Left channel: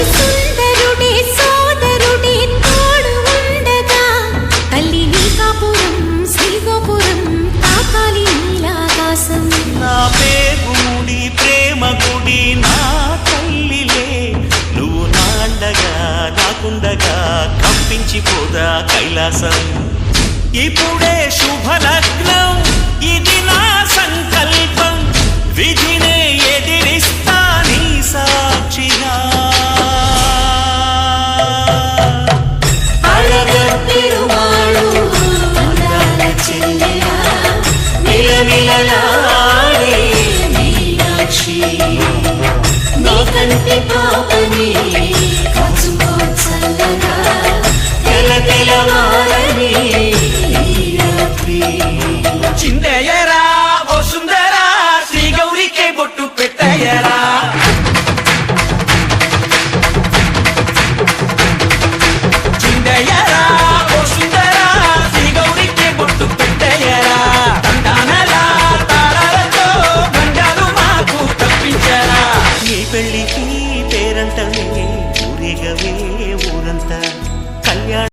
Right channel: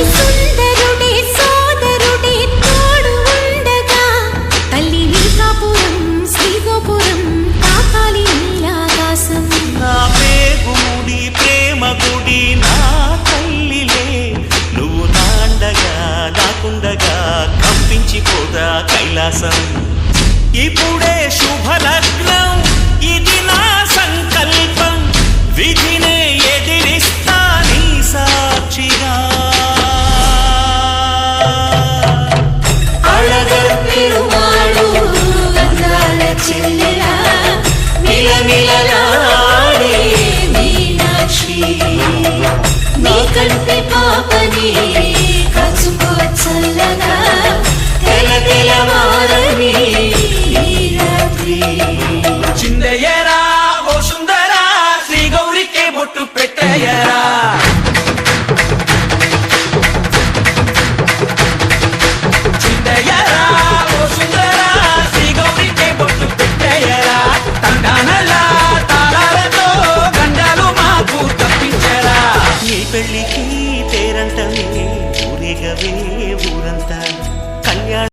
అతి సుందరుడే సోదరుడే తోడు ఉండగా తల్లి నీ కాపురం శ్రీగోపురం తాకాలి నీలాకాశం. నా పేగుముడి ప్రేమ గుడి నా తల్లిలే, నువ్వు నాండగా నాకుండగా కంపించిపోదా కైలాసం. ఇప్పుడే శుభలగ్నం ఇది నా సంకల్పం, విధినే ఎదిరిస్తా నీ సాక్షిగా. అళగర్ పెరుమాళు అందాల చెల్లెలా మిలమిలలాడే మీనాక్షి, నీ కంటి పాపని కాచుకో చల్లగా తెల తెలవారని రాత్రి. చిందయ్యరా ఓ సుందరా శ్రీ గౌరికి బొట్టు పెట్టయ్యరా. చిందయ్యరా ఓ సుందరా శ్రీ గౌరికి బొట్టు పెట్టయ్యరా. తండానలా తాళాలతో గండాలు మాకు తప్పించరా. నీ పెళ్ళికి పేరంటమే ఊరేగవే ఊరంతా కళ్యాణ